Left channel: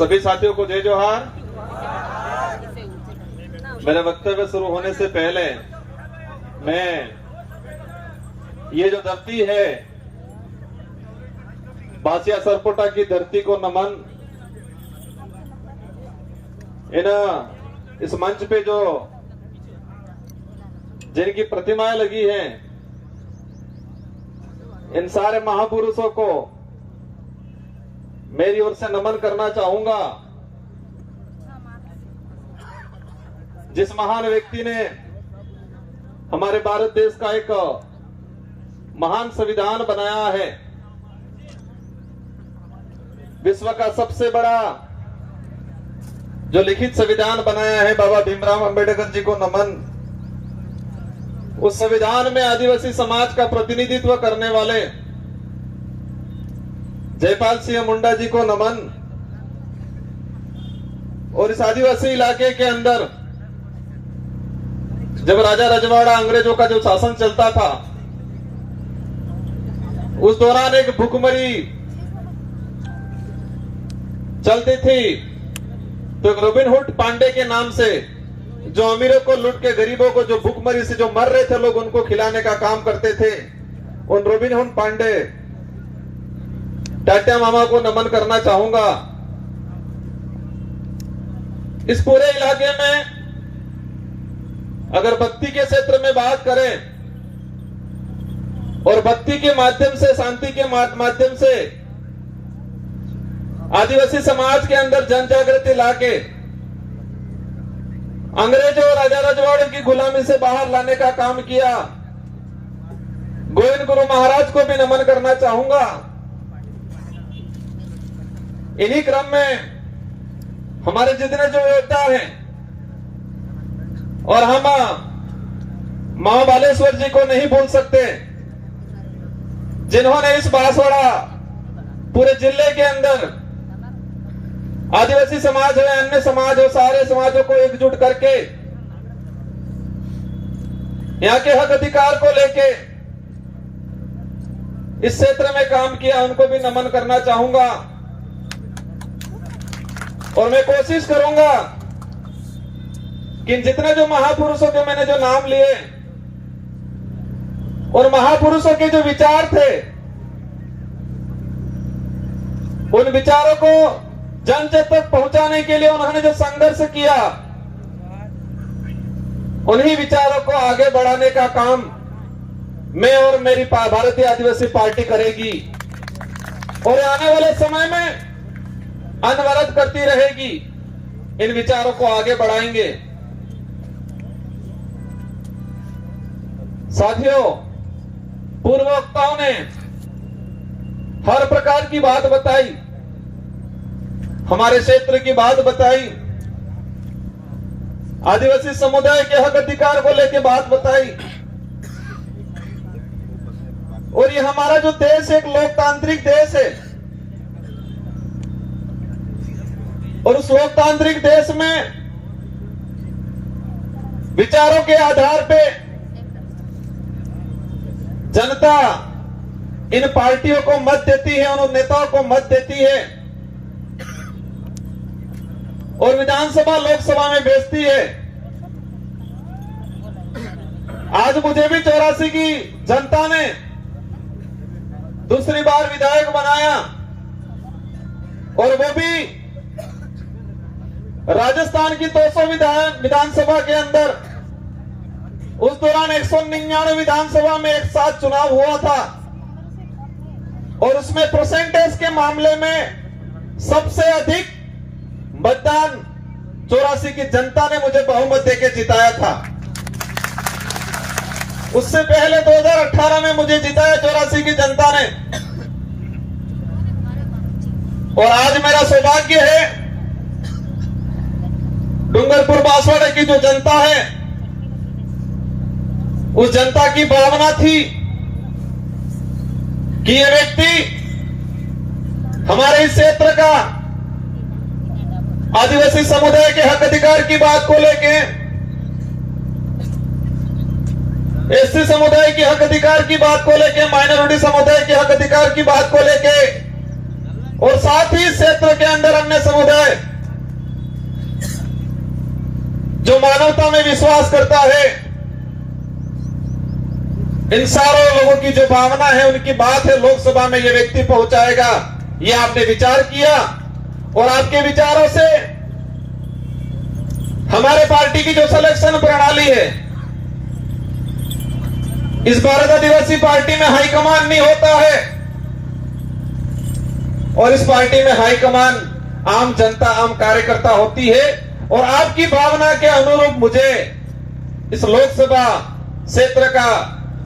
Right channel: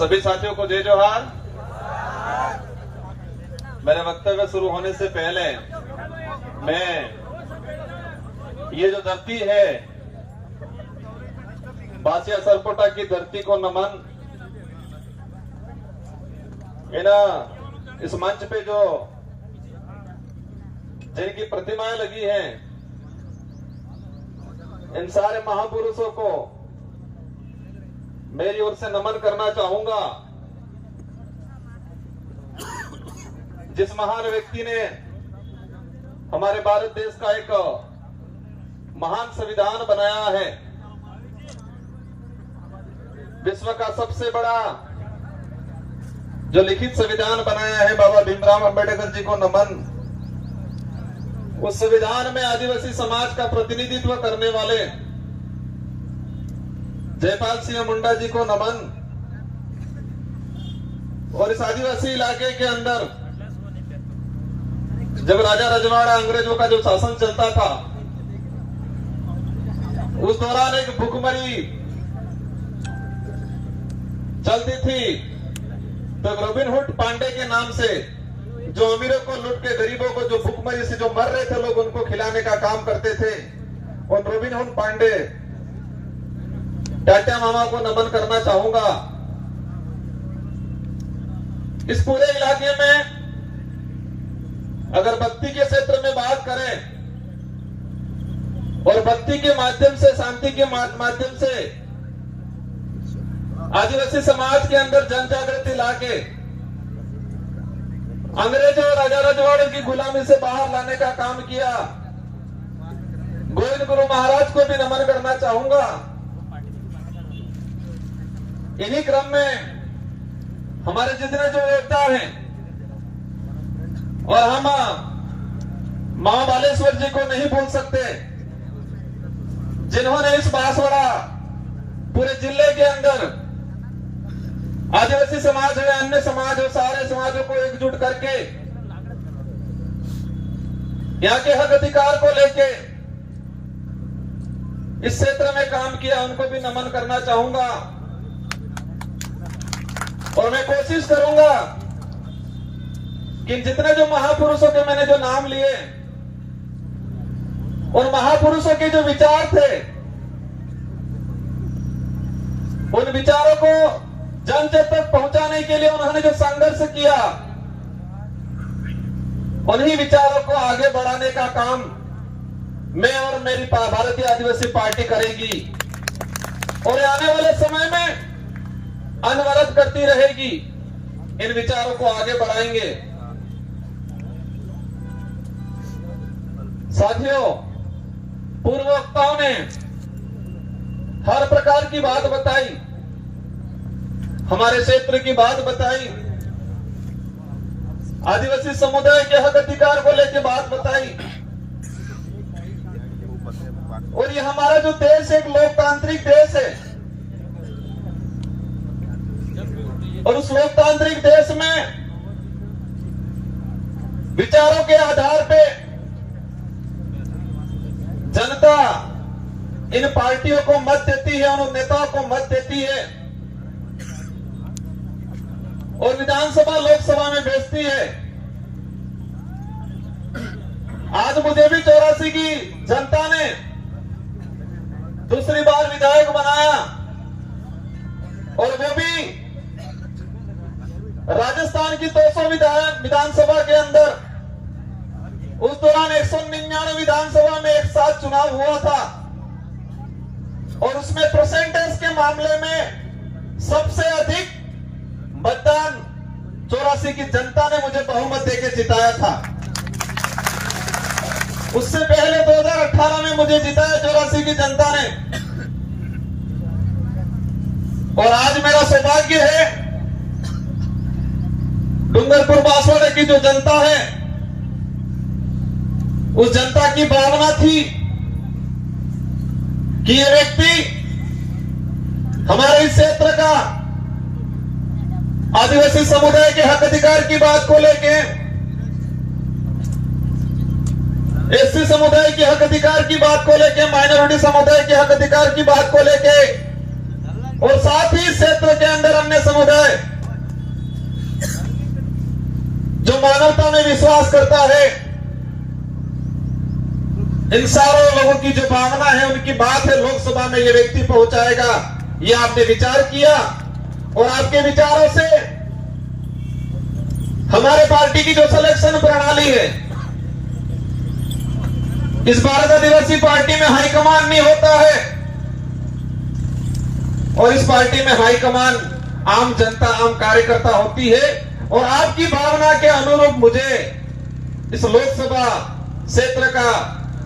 सभी साथियों को जय जोहार। मेरा वक्तव्य शुरू होने से पहले मैं ये जो धरती है बासिया सरपोटा की धरती को नमन। इस मंच पे जो जिनकी प्रतिमाएं लगी हैं, इन सारे महापुरुषों को मेरी ओर से नमन करना चाहूंगा। जिस महान व्यक्ति ने हमारे भारत देश का एक महान संविधान बनाया है, विश्व का सबसे बड़ा जो लिखित संविधान बनाया है, बाबा भीमराव अंबेडकर जी को नमन। उस संविधान में आदिवासी समाज का प्रतिनिधित्व करने वाले जयपाल सिंह मुंडा जी को नमन। और इस आदिवासी इलाके के अंदर जब राजा रजवाड़ा अंग्रेजों का जो शासन चलता था, उस दौरान एक भुखमरी चलती थी। तो रॉबिनहुड पांडे के नाम से जो अमीरों को लूट के गरीबों को, जो भुखमरी से जो मर रहे थे लोग, उनको खिलाने का काम करते थे। उन रॉबिनहुड पांडे टाटा मामा को नमन करना चाहूंगा। इस पूरे इलाके में अगर बत्ती के क्षेत्र में बात करें और बत्ती के माध्यम से, शांति के माध्यम से आदिवासी समाज के अंदर जन जागृति लाके अंग्रेजों और राजा रजवाड़ों की गुलामी से बाहर लाने का काम किया। गोविंद गुरु महाराज को भी नमन करना चाहूंगा। इन्हीं क्रम में हमारे जितने जो योद्धा हैं, और हम मां बालेश्वर जी को नहीं भूल सकते, जिन्होंने इस बांसवाड़ा पूरे जिले के अंदर आदिवासी समाज हो, अन्य समाज हो, सारे समाजों को एकजुट करके यहाँ के हक अधिकार को लेके इस क्षेत्र में काम किया। उनको भी नमन करना चाहूंगा। और मैं कोशिश करूंगा कि जितने जो महापुरुषों के मैंने जो नाम लिए, और महापुरुषों के जो विचार थे, उन विचारों को जन जन तक पहुंचाने के लिए उन्होंने जो संघर्ष किया, उन्हीं विचारों को आगे बढ़ाने का काम मैं और मेरी भारतीय आदिवासी पार्टी करेगी। और आने वाले समय में अनवरत करती रहेगी। इन विचारों को आगे बढ़ाएंगे। साथियों, पूर्व वक्ताओं ने हर प्रकार की बात बताई, हमारे क्षेत्र की बात बताई, आदिवासी समुदाय के हक अधिकार को लेकर बात बताई। और ये हमारा जो देश एक लोकतांत्रिक देश है, और उस लोकतांत्रिक देश में विचारों के आधार पे जनता इन पार्टियों को मत देती है, उन नेताओं को मत देती है और विधानसभा लोकसभा में भेजती है। आज मुझे भी 84 की जनता ने दूसरी बार विधायक बनाया, और वो भी राजस्थान की 200 विधानसभा के अंदर। उस दौरान 199 विधानसभा में एक साथ चुनाव हुआ था, और उसमें परसेंटेज के मामले में सबसे अधिक मतदान 84 की जनता ने मुझे बहुमत देकर जिताया था। उससे पहले 2018 में मुझे जिताया 84 की जनता ने। और आज मेरा सौभाग्य है, डूंगरपुर बांसवाड़ा की जो जनता है, उस जनता की भावना थी कि ये व्यक्ति हमारे इस क्षेत्र का आदिवासी समुदाय के हक अधिकार की बात को लेके, एससी समुदाय के हक अधिकार की बात को लेके, माइनॉरिटी समुदाय के हक अधिकार की बात को लेके और साथ ही इस क्षेत्र के अंदर अन्य समुदाय जो मानवता में विश्वास करता है, इन सारे लोगों की जो भावना है, उनकी बात है लोकसभा में ये व्यक्ति पहुंचाएगा। ये आपने विचार किया और आपके विचारों से हमारे पार्टी की जो सिलेक्शन प्रणाली है, इस भारत आदिवासी पार्टी में हाईकमान नहीं होता है और इस पार्टी में हाईकमान आम जनता, आम कार्यकर्ता होती है। और आपकी भावना के अनुरूप मुझे इस लोकसभा क्षेत्र का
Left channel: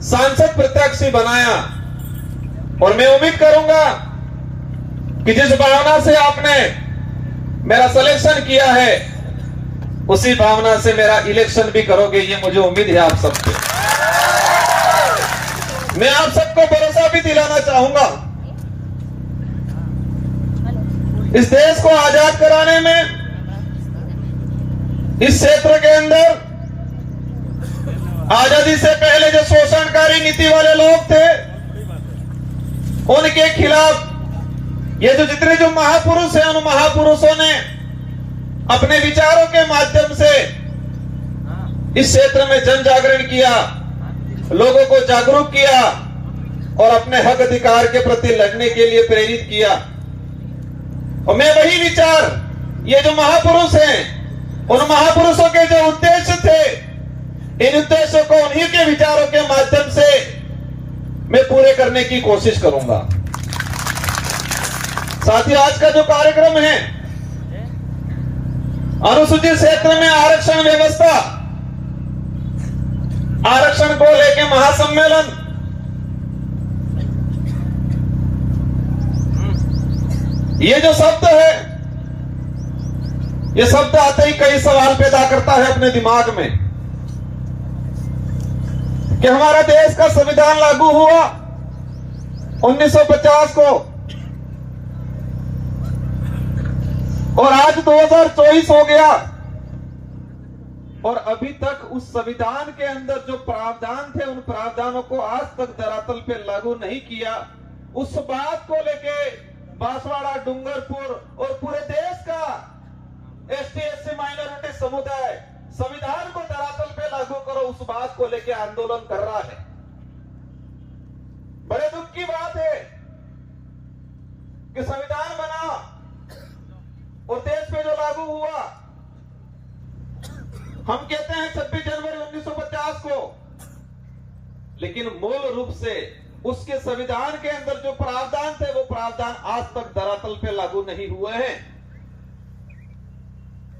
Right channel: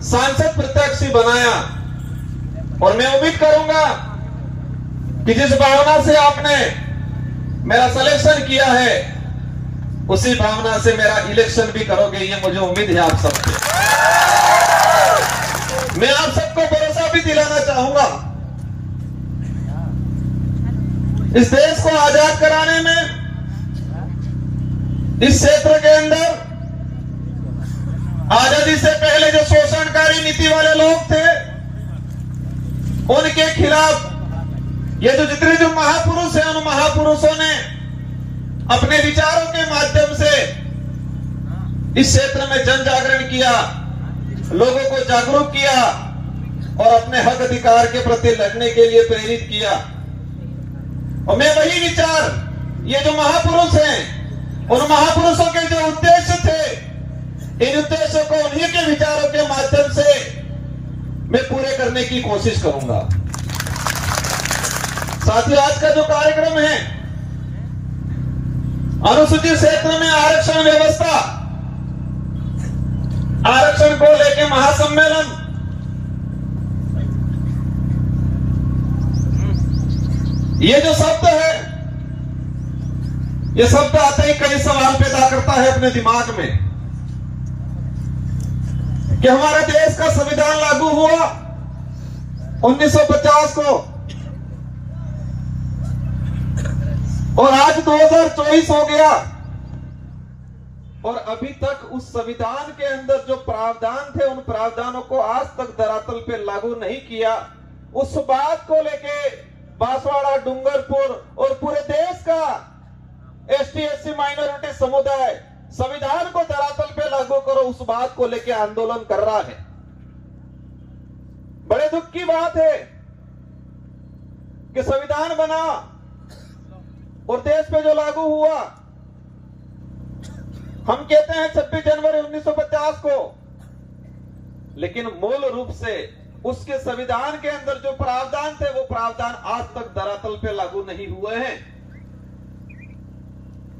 सांसद प्रत्याशी बनाया और मैं उम्मीद करूंगा कि जिस भावना से आपने मेरा सिलेक्शन किया है, उसी भावना से मेरा इलेक्शन भी करोगे, ये मुझे उम्मीद है आप सबसे। मैं आप सबको भरोसा भी दिलाना चाहूंगा, इस देश को आजाद कराने में, इस क्षेत्र के अंदर आजादी से पहले जो शोषणकारी नीति वाले लोग थे, उनके खिलाफ ये जितने जो महापुरुष हैं, उन महापुरुषों ने अपने विचारों के माध्यम से इस क्षेत्र में जन जागरण किया, लोगों को जागरूक किया और अपने हक अधिकार के प्रति लड़ने के लिए प्रेरित किया। और मैं वही विचार, ये जो महापुरुष हैं, उन महापुरुषों के जो उद्देश्य थे, इन उद्देश्यों को उन्हीं के विचारों के माध्यम से मैं पूरे करने की कोशिश करूंगा। साथियों, आज का जो कार्यक्रम है, अनुसूचित क्षेत्र में आरक्षण व्यवस्था, आरक्षण को लेकर महासम्मेलन, ये जो शब्द है, ये शब्द आते ही कई सवाल पैदा करता है अपने दिमाग में कि हमारा देश का संविधान लागू हुआ 1950 को और आज 2024 हो गया और अभी तक उस संविधान के अंदर जो प्रावधान थे, उन प्रावधानों को आज तक धरातल पे लागू नहीं किया। उस बात को लेके बांसवाड़ा, डूंगरपुर और पूरे देश का ST/SC माइनॉरिटी समुदाय संविधान को धरातल पे लागू करो, उस बात को लेके आंदोलन कर रहा है। बड़े दुख की बात है कि संविधान बना और देश पे जो लागू हुआ, हम कहते हैं 26 जनवरी 1950 को, लेकिन मूल रूप से उसके संविधान के अंदर जो प्रावधान थे, वो प्रावधान आज तक धरातल पे लागू नहीं हुए हैं।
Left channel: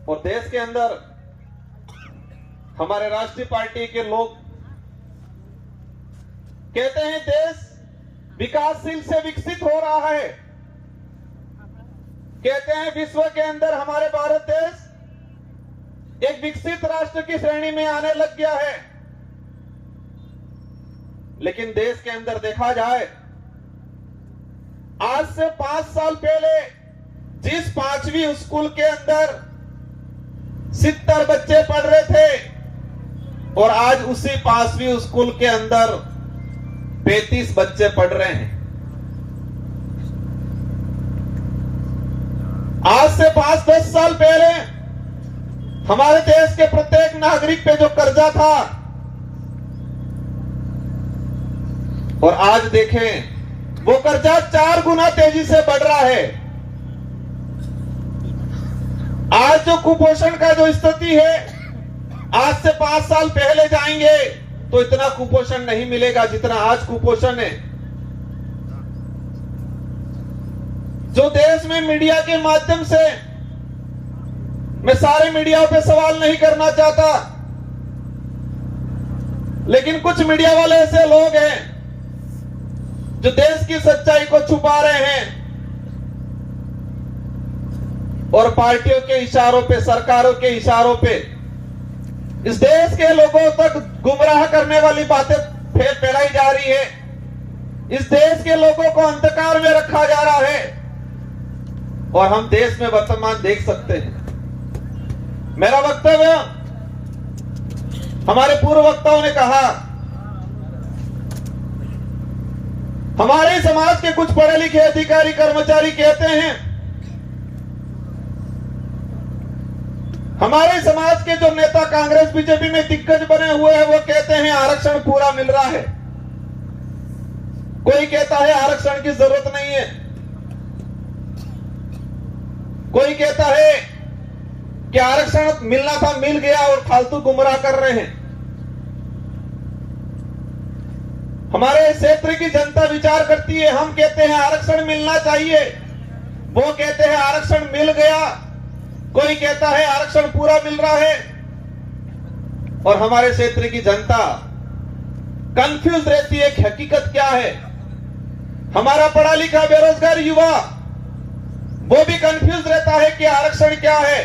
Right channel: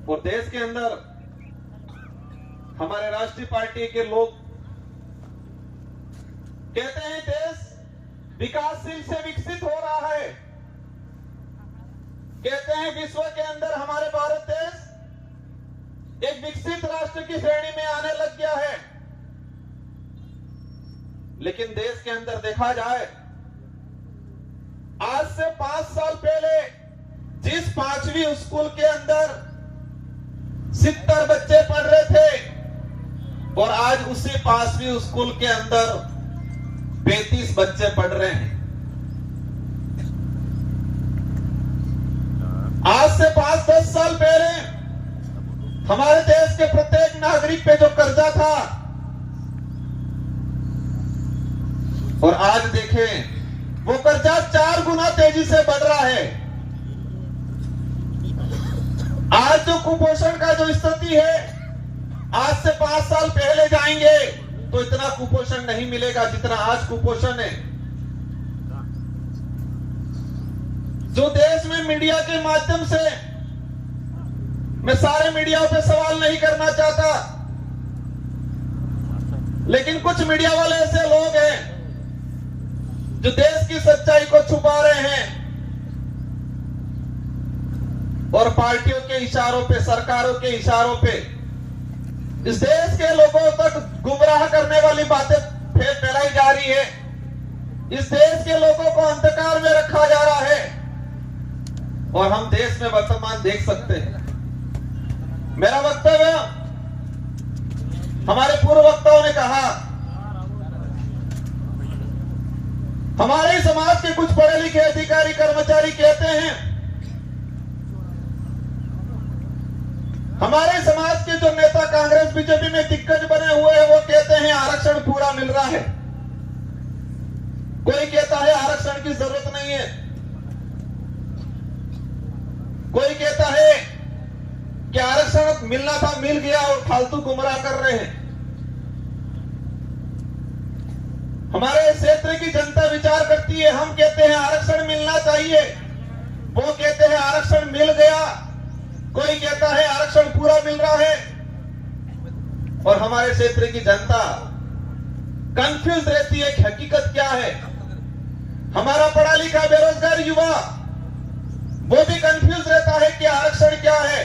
और देश के अंदर हमारे राष्ट्रीय पार्टी के लोग कहते हैं देश विकासशील से विकसित हो रहा है, कहते हैं विश्व के अंदर हमारे भारत देश एक विकसित राष्ट्र की श्रेणी में आने लग गया है। लेकिन देश के अंदर देखा जाए, आज से 5 साल पहले जिस 5वीं स्कूल के अंदर 70 बच्चे पढ़ रहे थे और आज उसी 5वीं स्कूल के अंदर 35 बच्चे पढ़ रहे हैं। आज से 5-10 साल पहले हमारे देश के प्रत्येक नागरिक पे जो कर्जा था, और आज देखें वो कर्जा 4 गुना तेजी से बढ़ रहा है। आज जो कुपोषण का जो स्थिति है, आज से 5 साल पहले जाएंगे तो इतना कुपोषण नहीं मिलेगा जितना आज कुपोषण है। जो देश में मीडिया के माध्यम से, मैं सारे मीडिया पे सवाल नहीं करना चाहता, लेकिन कुछ मीडिया वाले ऐसे लोग हैं जो देश की सच्चाई को छुपा रहे हैं और पार्टियों के इशारों पे, सरकारों के इशारों पे इस देश के लोगों तक गुमराह करने वाली बातें फैलाई जा रही है। इस देश के लोगों को अंधकार में रखा जा रहा है और हम देश में वर्तमान देख सकते हैं। मेरा वक्तव्य, हमारे पूर्व वक्ताओं ने कहा हमारे समाज के कुछ पढ़े लिखे अधिकारी कर्मचारी कहते हैं, हमारे समाज के जो नेता कांग्रेस बीजेपी में दिग्गज बने हुए हैं वो कहते हैं आरक्षण पूरा मिल रहा है। कोई कहता है आरक्षण की जरूरत नहीं है, कोई कहता है कि आरक्षण मिलना था मिल गया और फालतू गुमराह कर रहे हैं। हमारे क्षेत्र की जनता विचार करती है, हम कहते हैं आरक्षण मिलना चाहिए, वो कहते हैं आरक्षण मिल गया, कोई कहता है आरक्षण पूरा मिल रहा है। और हमारे क्षेत्र की जनता कंफ्यूज रहती है कि हकीकत क्या है। हमारा पढ़ा लिखा बेरोजगार युवा वो भी कंफ्यूज रहता है कि आरक्षण क्या है।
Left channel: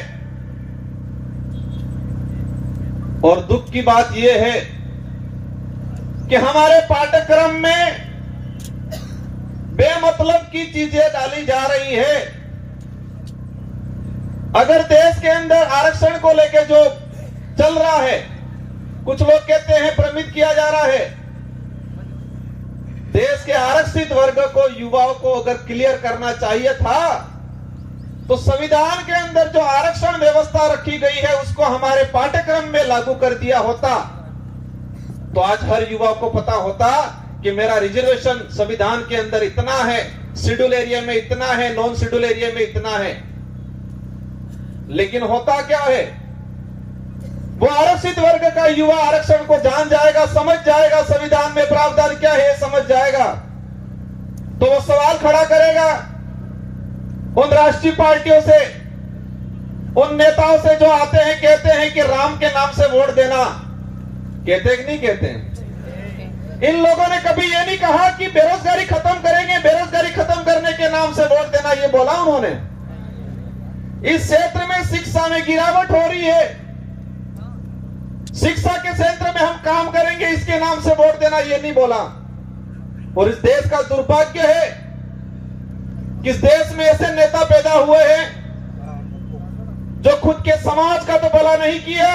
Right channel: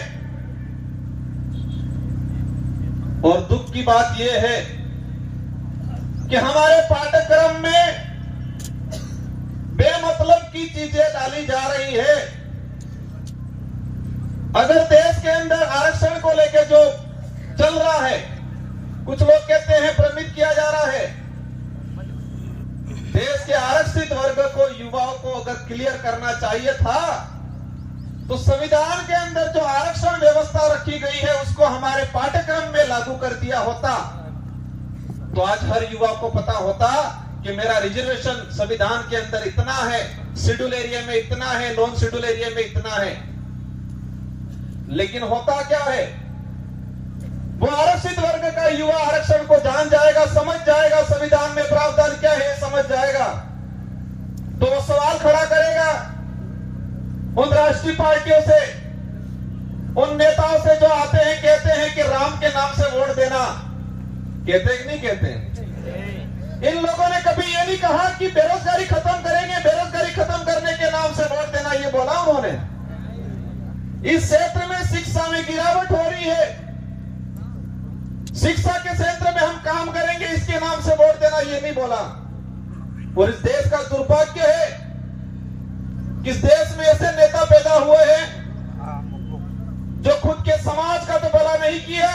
और दुख की बात यह है कि हमारे पाठ्यक्रम में बेमतलब की चीजें डाली जा रही है। अगर देश के अंदर आरक्षण को लेकर जो चल रहा है, कुछ लोग कहते हैं भ्रमित किया जा रहा है। देश के आरक्षित वर्ग को, युवाओं को अगर क्लियर करना चाहिए था तो संविधान के अंदर जो आरक्षण व्यवस्था रखी गई है उसको हमारे पाठ्यक्रम में लागू कर दिया होता तो आज हर युवा को पता होता कि मेरा रिजर्वेशन संविधान के अंदर इतना है, शेड्यूल एरिया में इतना है, नॉन शेड्यूल एरिया में इतना है। लेकिन होता क्या है, वो आरक्षित वर्ग का युवा आरक्षण को जान जाएगा, समझ जाएगा, संविधान में प्रावधान क्या है समझ जाएगा, तो वो सवाल खड़ा करेगा उन राष्ट्रीय पार्टियों से, उन नेताओं से जो आते हैं कहते हैं कि राम के नाम से वोट देना। कहते हैं कि नहीं कहते हैं? इन लोगों ने कभी ये नहीं कहा कि बेरोजगारी खत्म करेंगे, बेरोजगारी खत्म करने के नाम से वोट देना, ये बोला उन्होंने? इस क्षेत्र में शिक्षा में गिरावट हो रही है, शिक्षा के क्षेत्र में हम काम करेंगे, इसके नाम से वोट देना, ये नहीं बोला। और इस देश का दुर्भाग्य है कि इस देश में ऐसे नेता पैदा हुए हैं जो खुद के समाज का तो भला नहीं किया,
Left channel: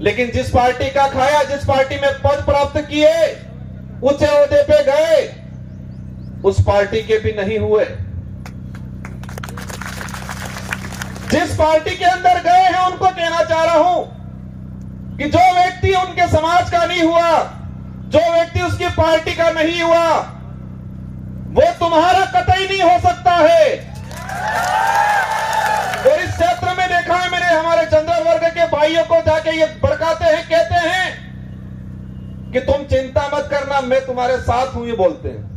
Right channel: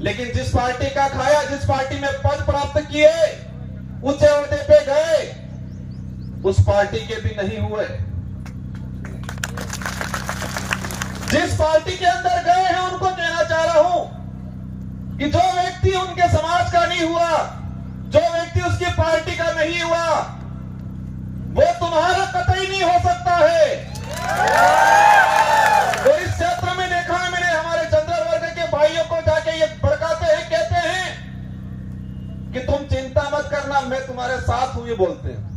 लेकिन जिस पार्टी का खाया, जिस पार्टी में पद प्राप्त किए, ऊंचे ओहदे पे गए, उस पार्टी के भी नहीं हुए। जिस पार्टी के अंदर गए हैं उनको कहना चाह रहा हूं कि जो व्यक्ति उनके समाज का नहीं हुआ, जो व्यक्ति उसकी पार्टी का नहीं हुआ, वो तुम्हारा कतई नहीं हो सकता है। और इस क्षेत्र में देखा है मैंने, हमारे जनरल वर्ग के भाइयों को जाके ये भड़काते हैं, कहते हैं कि तुम चिंता मत करना, मैं तुम्हारे साथ हूं, ये बोलते हैं।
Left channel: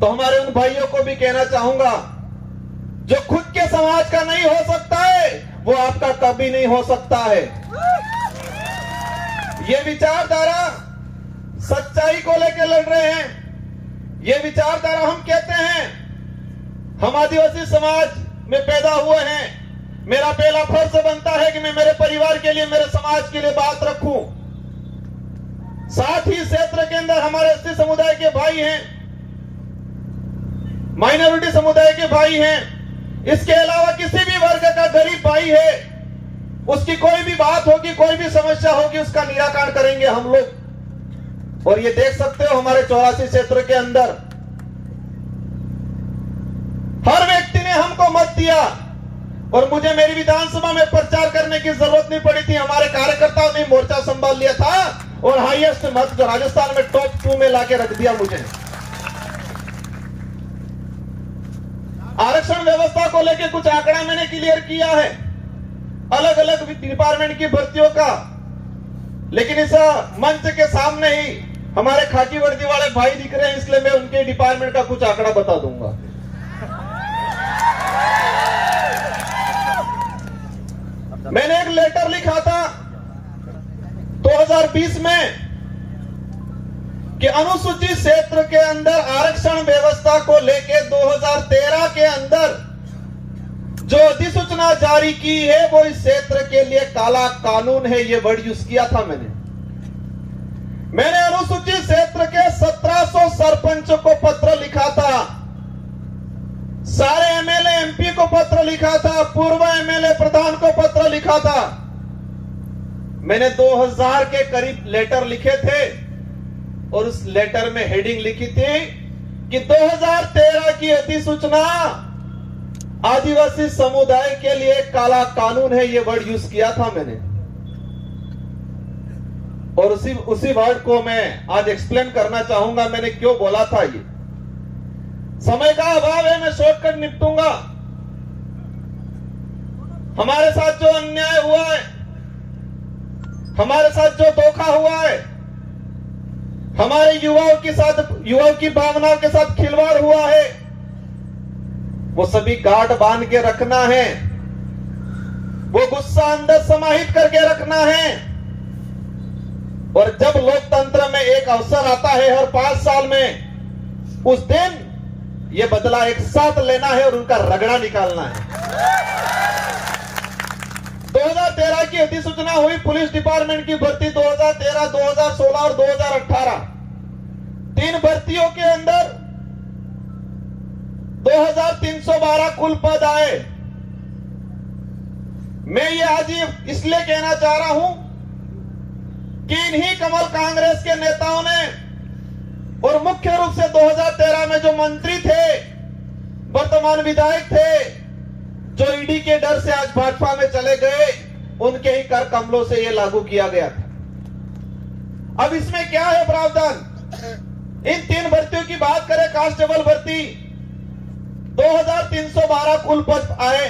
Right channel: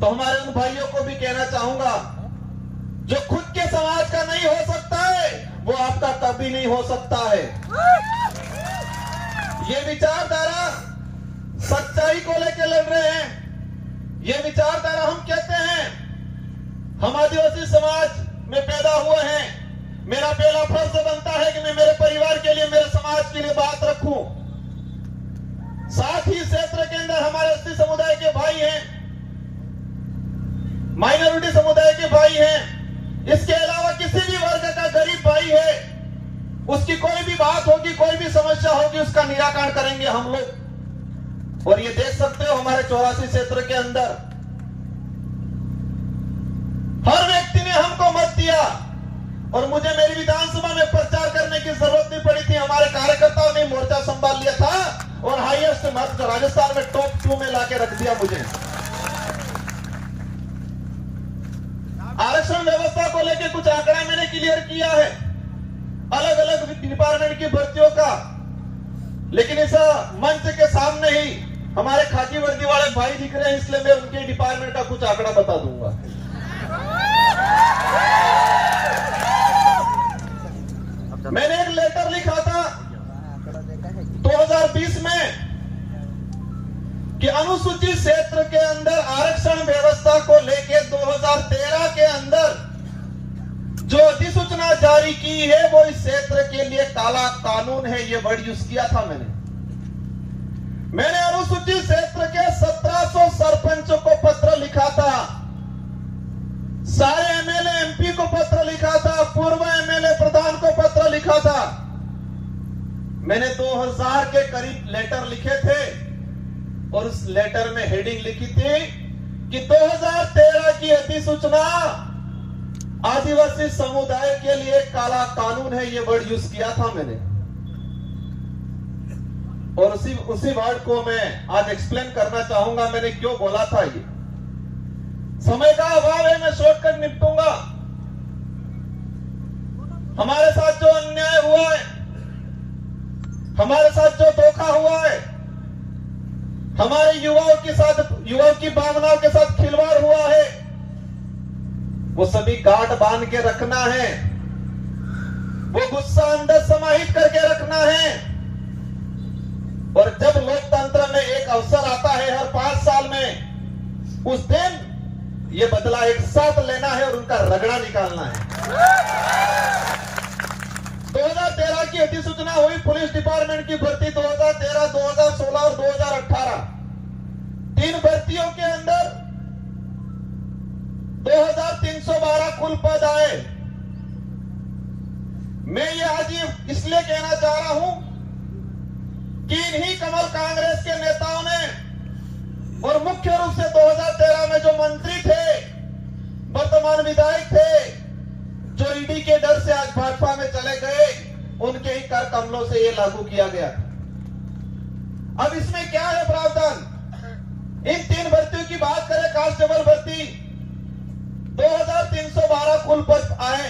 तो हमारे उन भाइयों को भी कहना चाहूंगा, जो खुद के समाज का नहीं हो सकता है वो आपका कभी नहीं हो सकता है। ये विचारधारा सच्चाई को लेकर लड़ रहे हैं। ये विचारधारा हम कहते हैं, हम आदिवासी समाज में पैदा हुए हैं, मेरा पहला फर्ज बनता है कि मैं मेरे परिवार के लिए, मेरे समाज के लिए बात रखूं। साथ ही क्षेत्र के अंदर हमारे एसटी समुदाय के भाई हैं, माइनॉरिटी समुदाय के भाई हैं, इसके अलावा किसी भी वर्ग का गरीब भाई है, उसकी कोई भी बात होगी, कोई भी समस्या होगी, उसका निराकरण करेंगे हम लोग। और ये देख सकते हो हमारे 84 क्षेत्र के अंदर हर व्यक्ति ने हमको मत दिया और मुझे मेरी विधानसभा में प्रचार करने की जरूरत नहीं पड़ी थी। हमारे कार्यकर्ताओं ने मोर्चा संभाल लिया था और हाईएस्ट मत राजस्थान में टॉप 2 में लाके रख दिया मुझे। आरक्षण व्यवस्था को लेकर कुछ आंकड़ा मैंने क्लियर किया है, अलग अलग डिपार्टमेंट की भर्तियों का, लेकिन इस मंच के सामने ही हमारे खाकी वर्दी वाले भाई दिख रहे हैं, इसलिए मैं उनके डिपार्टमेंट का कुछ आंकड़ा बता दूंगा। मैंने एक लेटर लिखा था 2020 में कि अनुसूचित क्षेत्र के अंदर आरक्षण व्यवस्था को लेकर 2013 के अंदर जो अधिसूचना जारी की है वो इस क्षेत्र के लिए काला कानून है, ये वर्ड यूज किया था मैंने अनुसूचित क्षेत्र के 1700 सरपंचों को पत्र लिखा था, सारे एमएलए एमपी को पत्र लिखा था, पूर्व एमएलए प्रधान को पत्र लिखा था। मैंने 2000 के करीब लेटर लिखे थे और उस लेटर में हेडिंग लिखी थी कि 2013 की अधिसूचना आदिवासी समुदाय के लिए काला कानून है, ये वर्ड यूज किया था मैंने। और उसी वर्ड को मैं आज एक्सप्लेन करना चाहूंगा मैंने क्यों बोला था। ये समय का अभाव है, मैं शॉर्टकट निपटूंगा। हमारे साथ जो अन्याय हुआ है, हमारे साथ जो धोखा हुआ है, हमारे युवाओं की भावनाओं के साथ खिलवाड़ हुआ है, वो सभी गांठ बांध के रखना है, वो गुस्सा अंदर समाहित करके रखना है। और जब लोकतंत्र में एक अवसर आता है हर 5 साल में, उस दिन ये बदला एक साथ लेना है और उनका रगड़ा निकालना है। 2013 की अधिसूचना हुई पुलिस डिपार्टमेंट की भर्ती 2013, 2016 और 2018, 3 भर्तियों के अंदर 2312 कुल पद आए। मैं ये आज इसलिए कहना चाह रहा हूं कि इन्हीं कमल कांग्रेस के नेताओं ने और मुख्य रूप से 2013 में जो मंत्री थे, वर्तमान विधायक थे, जो ईडी के डर से आज भाजपा में चले गए, उनके ही कर कमलों से यह लागू किया गया। अब इसमें क्या है प्रावधान? इन 3 भर्तियों की बात करें, कांस्टेबल भर्ती 2312 कुल पद आए।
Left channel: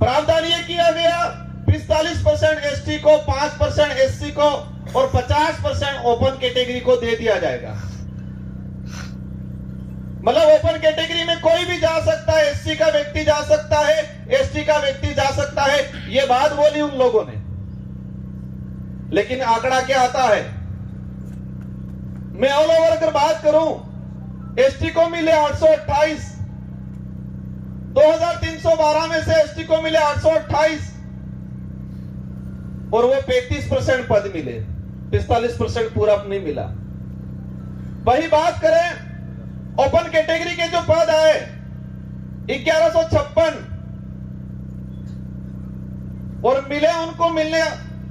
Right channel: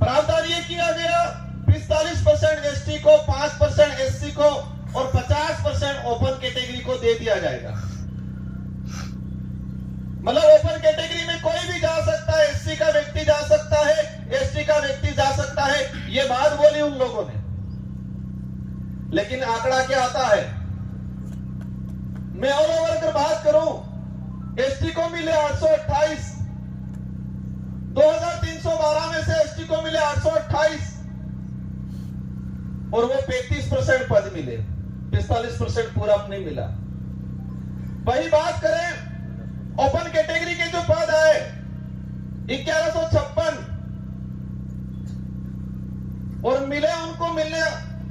प्रावधान यह किया गया 45% एसटी को, 5% एससी को और 50% ओपन कैटेगरी को दे दिया जाएगा। मतलब ओपन कैटेगरी में कोई भी जा सकता है, एससी का व्यक्ति जा सकता है, एसटी का व्यक्ति जा सकता है। ये बात बोली उन लोगों ने, लेकिन आंकड़ा क्या आता है? मैं ऑल ओवर अगर बात करूं, एसटी को मिले 828, 2312 में से एसटी को मिले 828 और वो 35% पद मिले, 45% पूरा नहीं मिला। वही बात करें ओपन कैटेगरी के जो पद आए 1156 और मिले उनको मिलने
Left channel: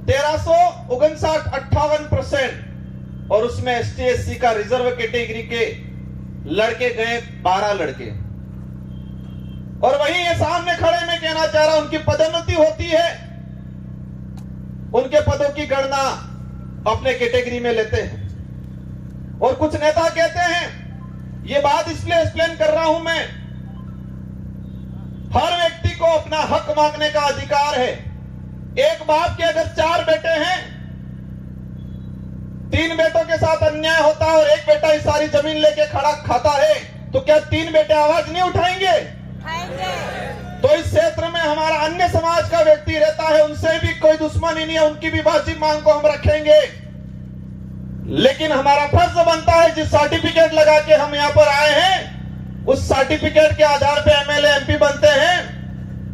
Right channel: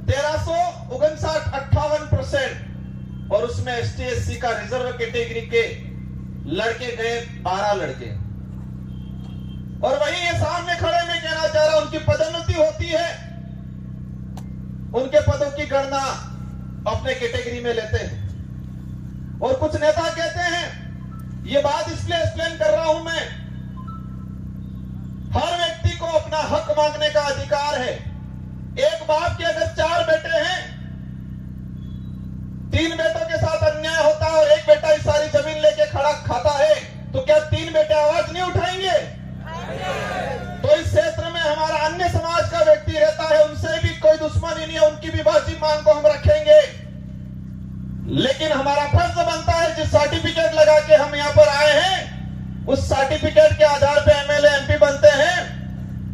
1359 और उसमें एसटी एससी का रिजर्व कैटेगरी के लड़के गए 12 लड़के। और वही ये सामने खड़े में कहना चाह रहा, उनकी पदोन्नति होती है, उनके पदों की गणना अपने कैटेगरी में लेते हैं। और कुछ नेता कहते हैं, ये बात इसलिए एक्सप्लेन कर रहा हूं मैं, हर व्यक्ति को अपना हक मांगने का अधिकार है। एक बाप के अगर 4 बेटे हैं, 3 बेटों के साथ अन्याय होता है और एक बेटा ही सारी जमीन लेके खड़ा खाता है, तो क्या 3 बेटे आवाज नहीं उठाएंगे? तो इस क्षेत्र में हमारा अन्य समाज का व्यक्ति रहता है, उनसे भी कोई दुश्मनी नहीं है, उनकी भी बाजी मांग को हम रखेंगे। लेकिन हमारा फर्ज बनता है, जिस सर्टिफिकेट लगा के हम यहां पर आए हैं, उस सर्टिफिकेट के आधार पे एमएलए एमपी बनते हैं,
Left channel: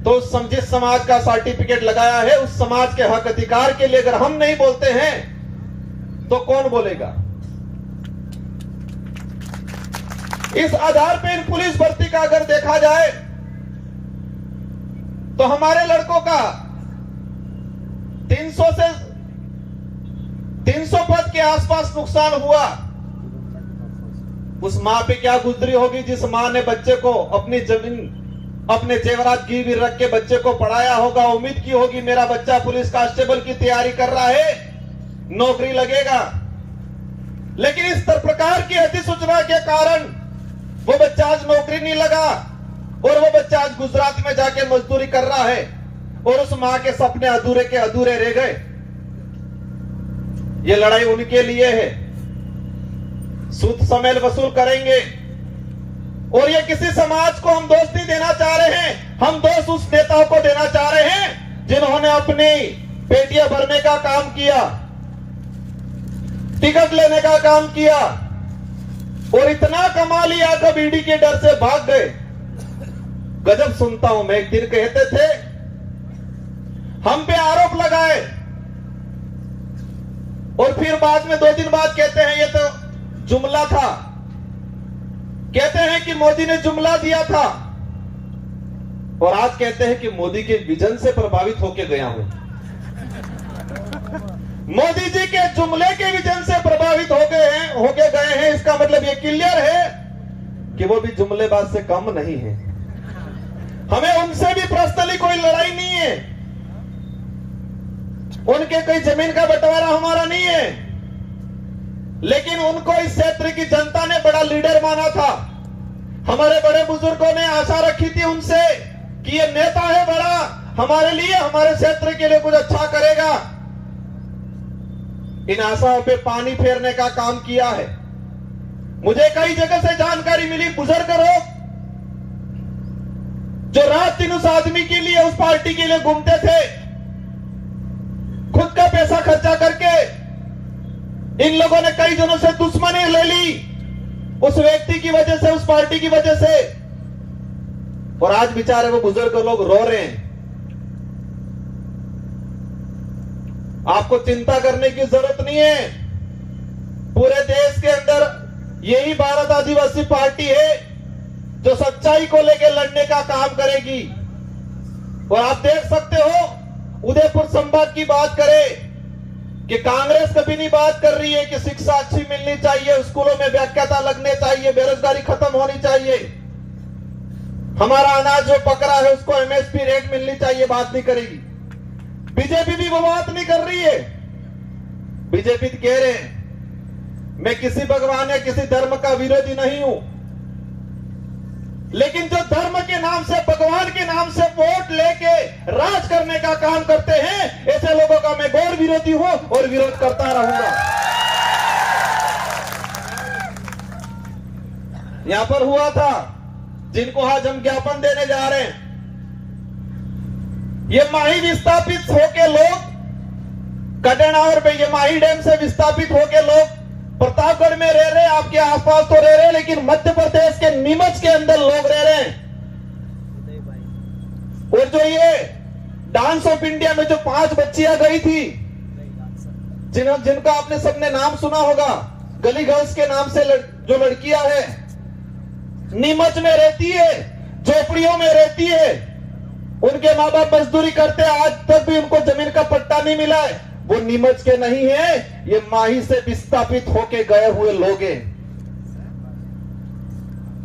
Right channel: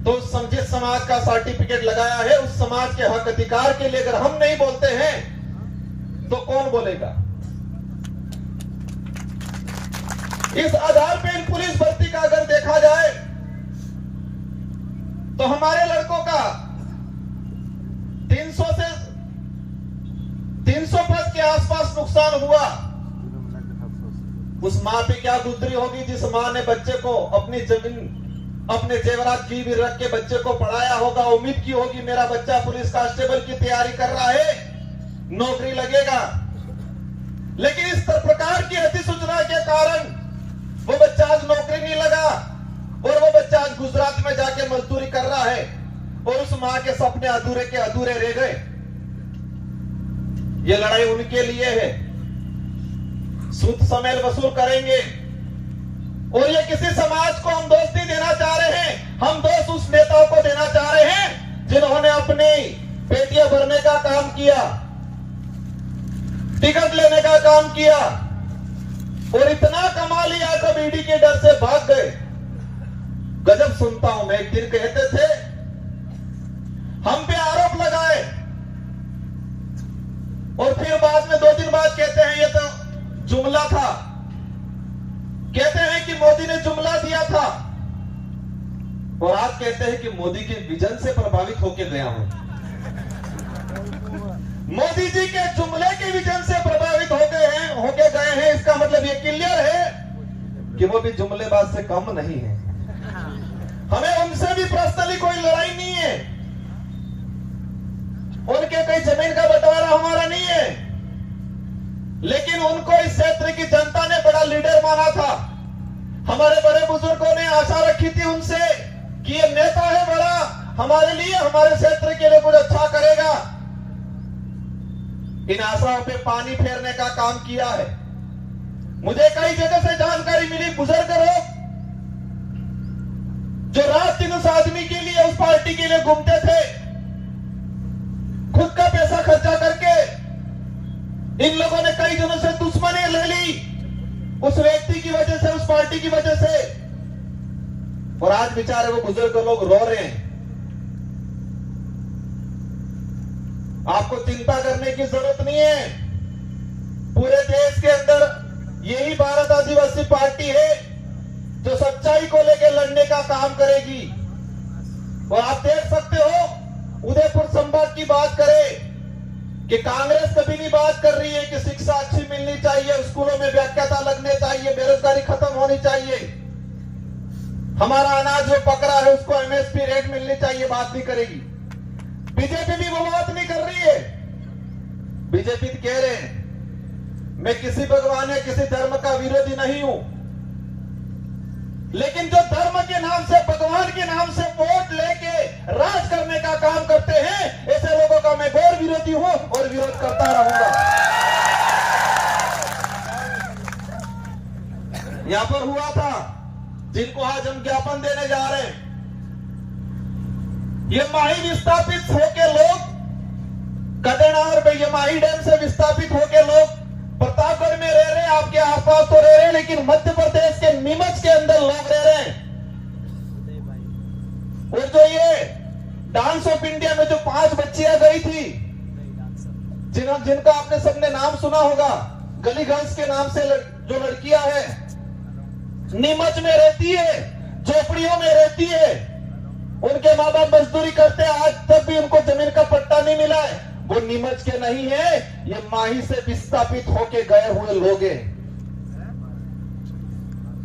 तो जिस समाज का सर्टिफिकेट लगाया है उस समाज के हक अधिकार के लिए अगर हम नहीं बोलते हैं तो कौन बोलेगा? इस आधार पे इन पुलिस भर्ती का अगर देखा जाए तो हमारे लड़कों का 300 पद के आसपास नुकसान हुआ। उस मां पे क्या गुजरी होगी जिस मां ने बच्चे को अपनी जमीन, अपने जेवरात गिरवी रख के बच्चे को पढ़ाया होगा, उम्मीद की होगी मेरा बच्चा पुलिस कांस्टेबल की तैयारी कर रहा है, नौकरी लगेगा। लेकिन इस प्रकार की अधिसूचना के कारण वो बच्चा आज नौकरी नहीं लगा और वो बच्चा आज गुजरात में जाके मजदूरी कर रहा है और उस मां के सपने अधूरे के अधूरे रह गए। ये लड़ाई उनके लिए है, सूद समेल वसूल करेंगे। और ये किसी समाज को हम दोष नहीं देना चाह रहे हैं, हम दोष उस नेताओं को देना चाह रहे हैं जिन्होंने अपनी पेटियां भरने का काम किया, टिकट लेने का काम किया और इतना कमा लिया कब ईडी के डर से भाग गए। गजब सुनता हूं मैं। एक दिन कहते थे हम पे आरोप लगाए और फिर बाद में 2 दिन बाद कहते हैं ये तो जुमला था, कहते हैं कि मोदी ने जुमला दिया था और आज कहते हैं कि मोदी के विजन से प्रभावित होकर गया हूं। मोदी जी के जुमले के विजन से प्रभावित होके गए हैं। इसका मतलब ये क्लियर है कि वो भी जुमलेबाज से कम नहीं है। हमें उनसे भी पर्सनली कोई लड़ाई नहीं है। उनके कोई जमीन का बंटवारा हमारा नहीं है, लेकिन उनको इस क्षेत्र की जनता ने बड़ा लीडर माना था। हमारे बड़े बुजुर्गों ने आशा रखी थी उनसे कि ये नेता है बड़ा, हमारे लिए, हमारे क्षेत्र के लिए कुछ अच्छा करेगा। इन आशाओं पे पानी फेरने का काम किया है। मुझे कई जगह से जानकारी मिली, बुजुर्ग लोग जो रात दिन उस आदमी के लिए, उस पार्टी के लिए घूमते थे, खुद का पैसा खर्चा करके इन लोगों ने कई दिनों से दुश्मनी ले ली उस व्यक्ति की वजह से, उस पार्टी की वजह से, और आज बेचारे वो बुजुर्ग लोग रो रहे हैं। आपको चिंता करने की जरूरत नहीं है। पूरे देश के अंदर यही भारत आदिवासी पार्टी है जो सच्चाई को लेकर लड़ने का काम करेगी। और आप देख सकते हो, उदयपुर संभाग की बात करें कि कांग्रेस कभी नहीं बात कर रही है कि शिक्षा अच्छी मिलनी चाहिए, स्कूलों में व्याख्याता लगने चाहिए, बेरोजगारी खत्म होनी चाहिए, हमारा अनाज जो पक रहा है उसको एमएसपी रेट मिलनी चाहिए, बात नहीं करेगी। बीजेपी भी वो बात नहीं कर रही है। बीजेपी कह रहे हैं मैं किसी भगवान या किसी धर्म का विरोधी नहीं हूं, लेकिन जो धर्म के नाम से, भगवान के नाम से वोट लेके राज करने का काम करते हैं, ऐसे लोगों का मैं घोर विरोधी हूं और विरोध करता रहूंगा। यहां पर हुआ था, जिनको आज हम ज्ञापन देने जा रहे हैं, ये माही विस्थापित होके लोग कटनावर पे, ये माही डैम से विस्थापित होके लोग प्रतापगढ़ में रह रहे, आपके आसपास तो रह रहे, लेकिन मध्य प्रदेश के नीमच के अंदर लोग रह रहे हैं। और जो ये डांस ऑफ इंडिया में जो 5 बच्चियां गई थी, जिनका आपने सबने नाम सुना होगा, गली गर्ल्स के नाम से जो लड़कियां है, नीमच में रहती है, झोपड़ियों में रहती है, उनके माँ बाप मजदूरी करते हैं, आज तक भी उनको जमीन का पट्टा नहीं मिला है। वो नीमच के नहीं है, ये माही से विस्थापित होके गए हुए लोग हैं।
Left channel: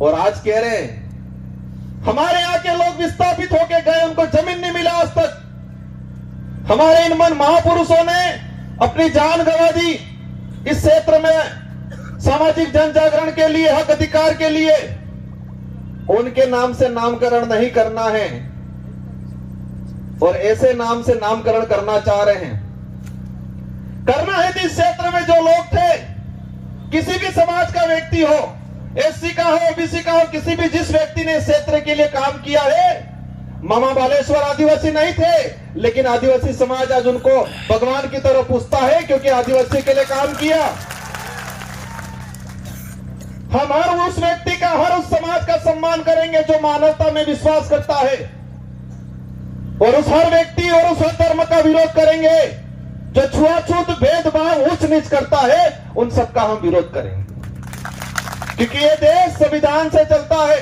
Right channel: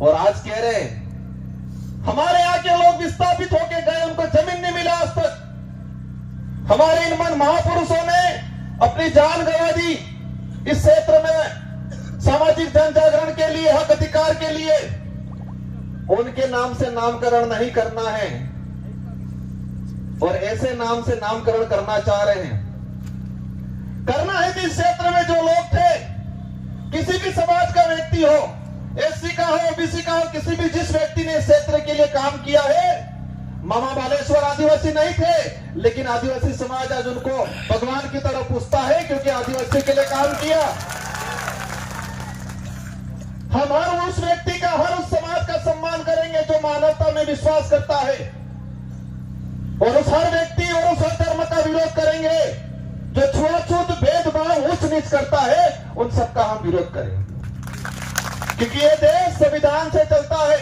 और आज कह रहे हैं हमारे यहाँ के लोग विस्थापित होके गए, उनको जमीन नहीं मिला आज तक। हमारे इन महापुरुषों ने अपनी जान गंवा दी इस क्षेत्र में सामाजिक जन जागरण के लिए, हक अधिकार के लिए। उनके नाम से नामकरण नहीं करना है, और ऐसे नाम से नामकरण करना चाह रहे हैं। करना है तो इस क्षेत्र में जो लोग थे, किसी भी समाज का व्यक्ति हो, एससी का हो, ओबीसी का हो, किसी भी जिस व्यक्ति ने इस क्षेत्र के लिए काम किया है, मामा बालेश्वर आदिवासी नहीं थे, लेकिन आदिवासी समाज आज उनको भगवान की तरह पूछता है, क्योंकि आदिवासी के लिए काम किया। हम हर उस व्यक्ति का, हर उस समाज का सम्मान करेंगे जो मानवता में विश्वास करता है, और उस हर व्यक्ति और उस हर धर्म का विरोध करेंगे जो छुआछूत, भेदभाव, उच्च नीच करता है, उन सबका हम विरोध करेंगे। क्योंकि ये देश संविधान से चलता है।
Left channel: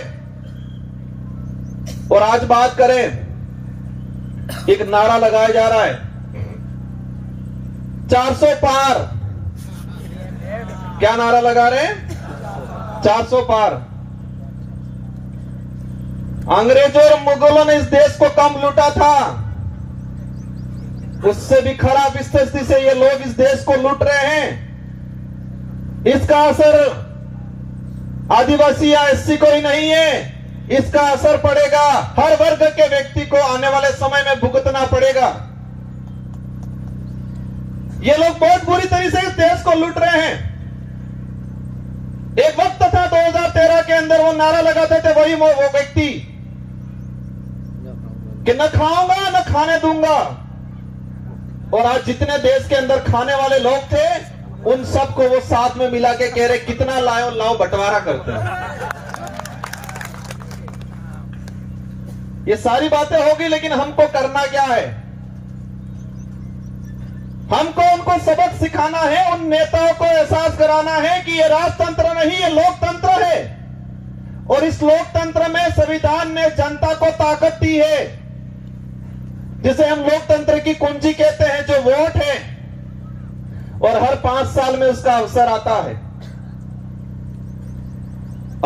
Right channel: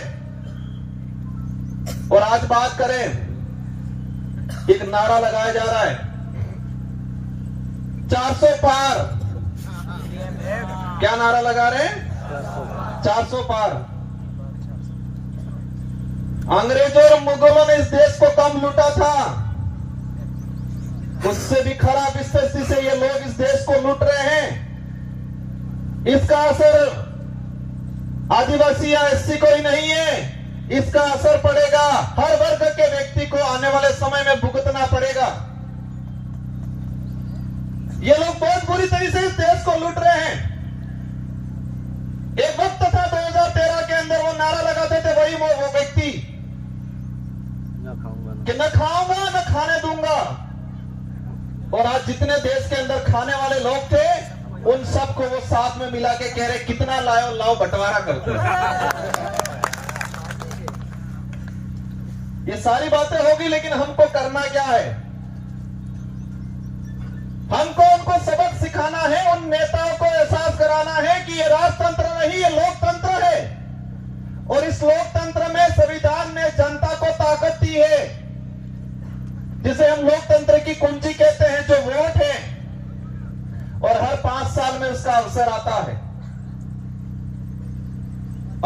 और आज बात करें, एक नारा लगाया जा रहा है 400 पार। क्या नारा लगा रहे हैं? 400 पार। अंग्रेजों और मुगलों ने इस देश को कम लूटा था, उससे भी खराब स्थिति से ये लोग इस देश को लूट रहे हैं। इसका असर आदिवासी या एससी को ही नहीं है, इसका असर पड़ेगा हर वर्ग के व्यक्ति को, आने वाले समय में भुगतना पड़ेगा। ये लोग बहुत बुरी तरीके से इस देश को लूट रहे हैं। एक वक्त था 2013 के अंदर वो नारा लगाते थे वही वो व्यक्ति कि न खाऊंगा न खाने दूंगा, और आज जितने देश के अंदर खाने वाले लोग थे, उन सबको वो साथ में मिला के कह रहे कितना लाओ लाओ, बंटवारा करते हैं। ये सारी बातें होगी, लेकिन हमको करना क्या है? हमको उनको सबक सिखाना है, उन नेताओं को एहसास कराना है कि ये राजतंत्र नहीं, ये लोकतंत्र है, और इस लोकतंत्र में संविधान ने जनता को ताकत दी है, जिसे हम लोकतंत्र की कुंजी कहते हैं, जो वोट है। और हर 5 साल में उसका अवसर आता है।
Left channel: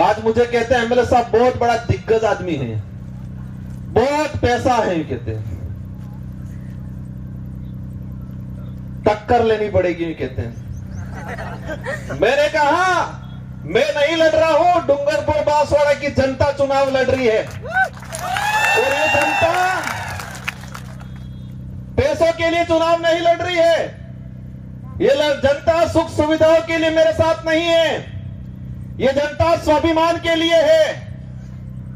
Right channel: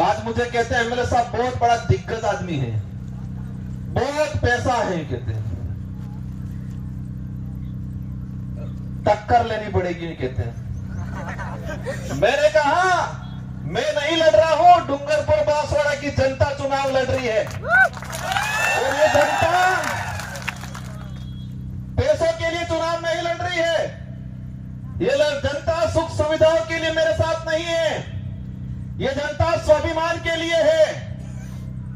आज मुझे कहते हैं एमएलए साहब बहुत बड़ा दिग्गज आदमी है, बहुत पैसा है, कहते हैं टक्कर लेनी पड़ेगी, ये कहते हैं। मैंने कहा मैं नहीं लड़ रहा हूं, डूंगरपुर बांसवाड़ा की जनता चुनाव लड़ रही है और ये जनता पैसों के लिए चुनाव नहीं लड़ रही है। ये जनता सुख सुविधाओं के लिए मेरे साथ नहीं है, ये जनता स्वाभिमान के लिए है।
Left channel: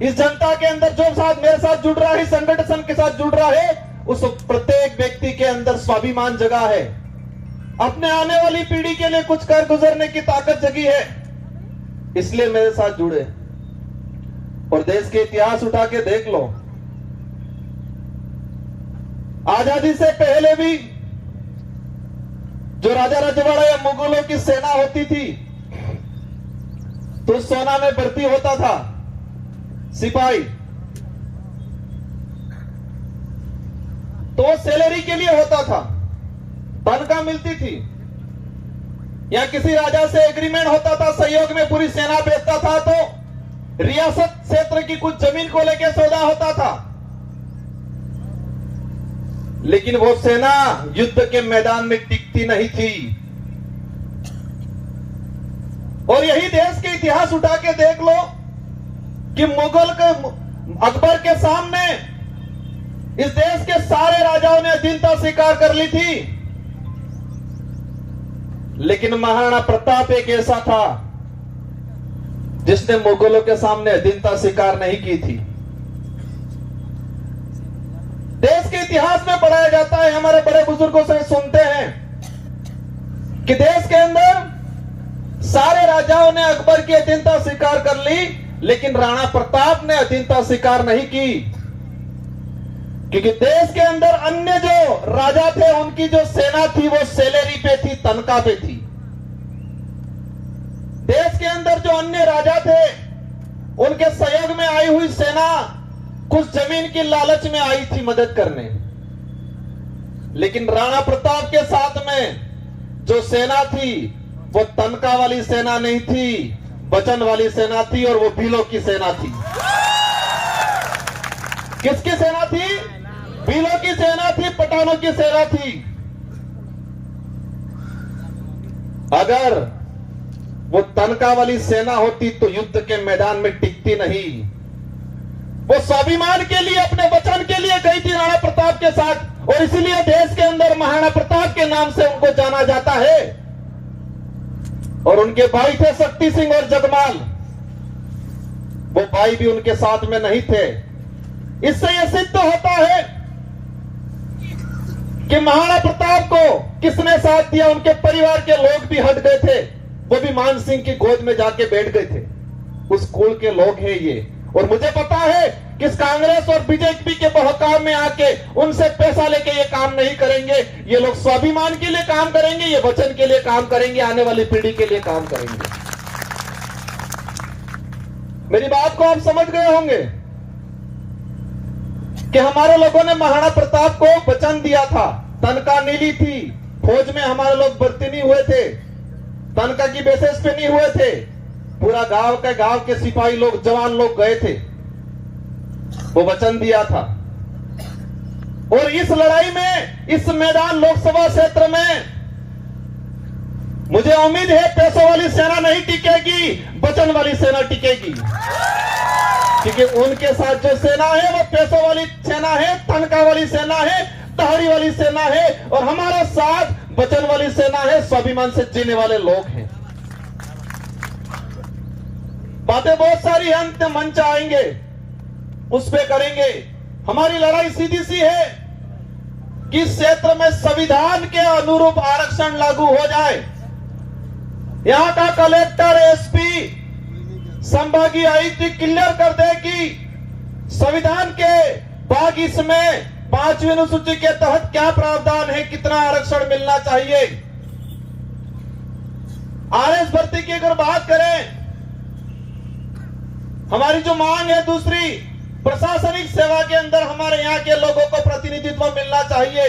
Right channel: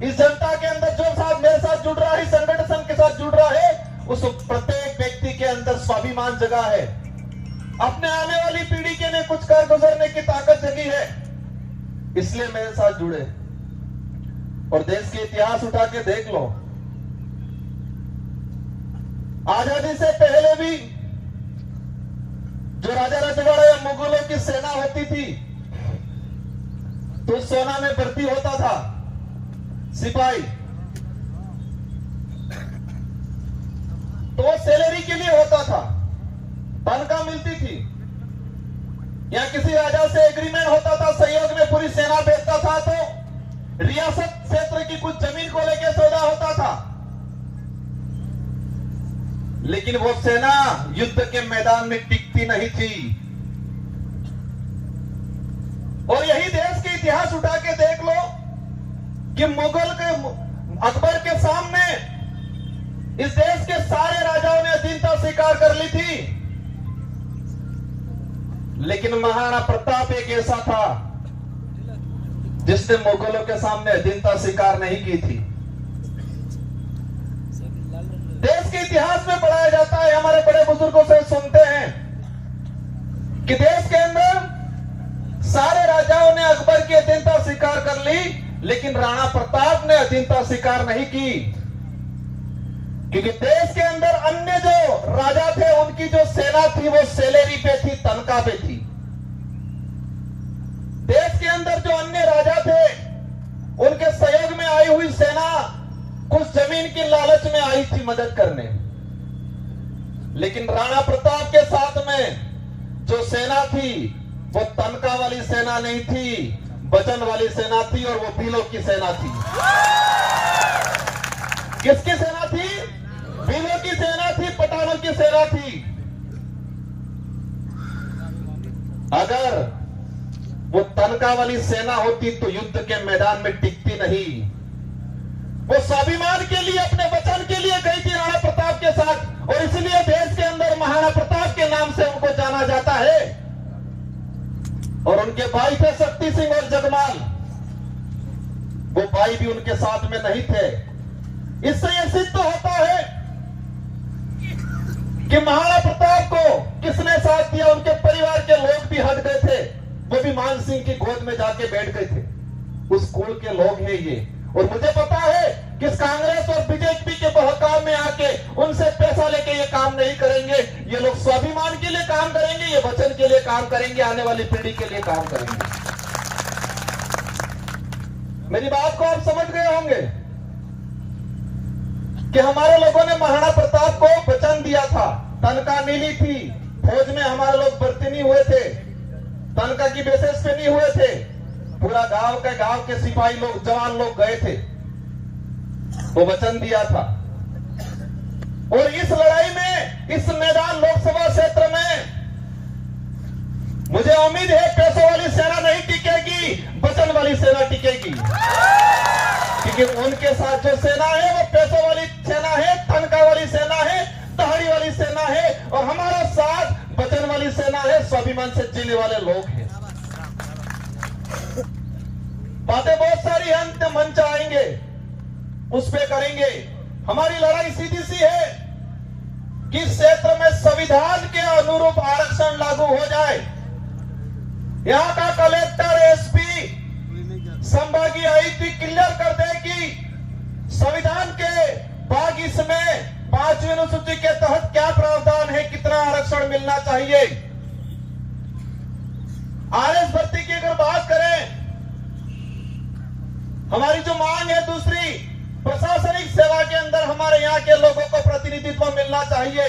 इस जनता के अंदर जो साथ मेरे साथ जुड़ रहा है, संगठन के साथ जुड़ रहा है, उस प्रत्येक व्यक्ति के अंदर स्वाभिमान जगा है, अपने आने वाली पीढ़ी के लिए कुछ कर गुजरने की ताकत जगी है, इसलिए मेरे साथ जुड़े। और देश के इतिहास उठा के देख लो, आजादी से पहले भी जो राजा रजवाड़ा या मुगलों की सेना होती थी तो सोना में भर्ती होता था सिपाही, तो सैलरी के लिए होता था, तनख्वाह मिलती थी, या किसी राजा से एग्रीमेंट होता था, सहयोग में पूरी सेना भेजता था तो रियासत क्षेत्र की कुछ जमीन को लेकर सौदा होता था। लेकिन वो सेना युद्ध के मैदान में टिकती नहीं थी। और यही देश के इतिहास उठा के देख लो कि मुगल के अकबर के सामने इस देश के सारे राजाओं ने अधीनता स्वीकार कर ली थी, लेकिन महाराणा प्रताप एक ऐसा था जिसने मुगलों के सामने अधीनता स्वीकार नहीं की थी। देश के इतिहास में पढ़ाया जाता है, हमारे बड़े बुजुर्गों से सुनते हैं कि देश के अंदर सारे राजाओं ने अकबर की अधीनता स्वीकार कर ली, लेकिन राणा प्रताप ने अधीनता स्वीकार नहीं की, क्योंकि देश के अंदर अन्य जो राजा थे उनकी जो सेना थी वो सैलरी पे थी, तनख्वाह पे थी। देश के अंदर जो अन्य राजा थे उनके सहयोग में आई हुई सेना कुछ जमीन की लालच में आई थी मदद करने, लेकिन राणा प्रताप के साथ में जो सेना थी वो तनख्वाह वाली सेना नहीं थी, वचन वाली सेना थी, और वो भीलों की सेना थी। किसकी सेना थी? भीलों की सेना थी, पठानों की सेना थी। अगर वो तनख्वाह वाली सेना होती तो युद्ध के मैदान में टिकती नहीं। वो स्वाभिमान के लिए, अपने वचन के लिए गई थी राणा प्रताप के साथ, और इसीलिए देश के अंदर महाराणा प्रताप के नाम से उनको जाना जाता है। और उनके भाई थे शक्ति सिंह और जगमाल, वो भाई भी उनके साथ में नहीं थे। इससे यह सिद्ध होता है कि महाराणा प्रताप को किसने साथ दिया। उनके परिवार के लोग भी हट गए थे, वो भी मान सिंह की गोद में जाके बैठ गए थे। उस कुल के लोग हैं ये। और मुझे पता है कि इस कांग्रेस और बीजेपी के बहकाव में आके उनसे पैसा लेके ये काम नहीं करेंगे। ये लोग स्वाभिमान के लिए काम करेंगे, ये वचन के लिए काम करेंगे, आने वाली पीढ़ी के लिए काम करेंगे। मेरी बात को आप समझ गए होंगे कि हमारे लोगों ने महाराणा प्रताप को वचन दिया था, तनख्वाह नहीं ली थी, फौज में हमारे लोग भर्ती नहीं हुए थे, तनख्वाह की बेसिस पे नहीं हुए थे, पूरा गांव के सिपाही लोग, जवान लोग गए थे, वो वचन दिया था। और इस लड़ाई में, इस मैदान लोकसभा क्षेत्र में मुझे उम्मीद है पैसों वाली सेना नहीं टिकेगी, वचन वाली सेना टिकेगी, क्योंकि उनके साथ जो सेना है वो पैसों वाली सेना है, तनख्वाह वाली सेना है, तहरी वाली सेना है, और हमारे साथ वचन वाली सेना है, स्वाभिमान से जीने वाले लोग हैं। बातें बहुत सारी अंत मंच आएंगे, उस पे करेंगे। हमारी लड़ाई सीधी सी है कि इस क्षेत्र में संविधान के अनुरूप आरक्षण लागू हो जाए। यहां का कलेक्टर, एसपी, संभागीय आयुक्त क्लियर कर दे कि संविधान के भाग इसमें 5वीं अनुसूची के तहत क्या प्रावधान है, कितना आरक्षण मिलना चाहिए। आरएस भर्ती की अगर बात करें, हमारी जो मांग है दूसरी, प्रशासनिक सेवा के अंदर हमारे यहां के लोगों को प्रतिनिधित्व मिलना चाहिए।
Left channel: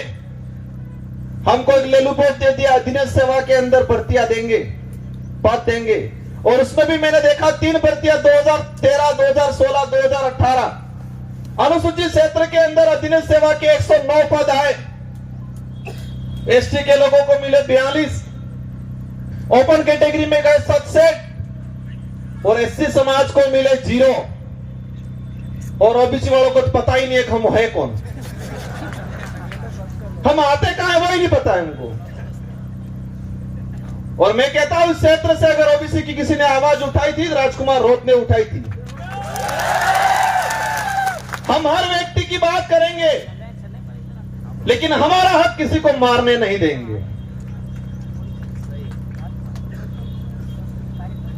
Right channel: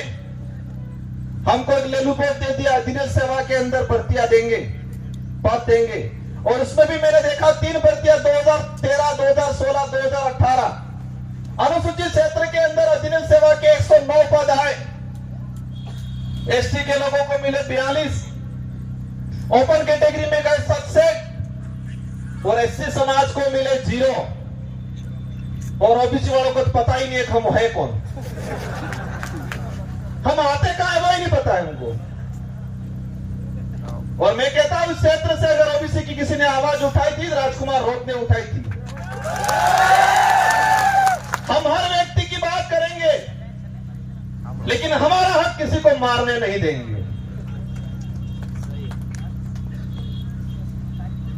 हमको लेलू पोस्ट दे दिया, दिनेश सेवा के अंदर भर्तियां देंगे, पद देंगे। और उसमें भी मैंने देखा 3 भर्तियां 2013, 2016, 2018। अनुसूचित क्षेत्र के अंदर दिनेश सेवा के 109 पद आए, एसटी के लोगों को मिले 42, ओपन कैटेगरी में गए 67 और एससी समाज को मिले 0 और ओबीसी वालों को तो पता ही नहीं है कि हम है कौन, हम आते कहां है वही नहीं पता है उनको। और मैं कहता हूं इस क्षेत्र से अगर ओबीसी की किसी ने आवाज उठाई थी, राजकुमार रोत ने उठाई थी। हम हर व्यक्ति की बात करेंगे, लेकिन हमारा हक किसी को मारने नहीं देंगे।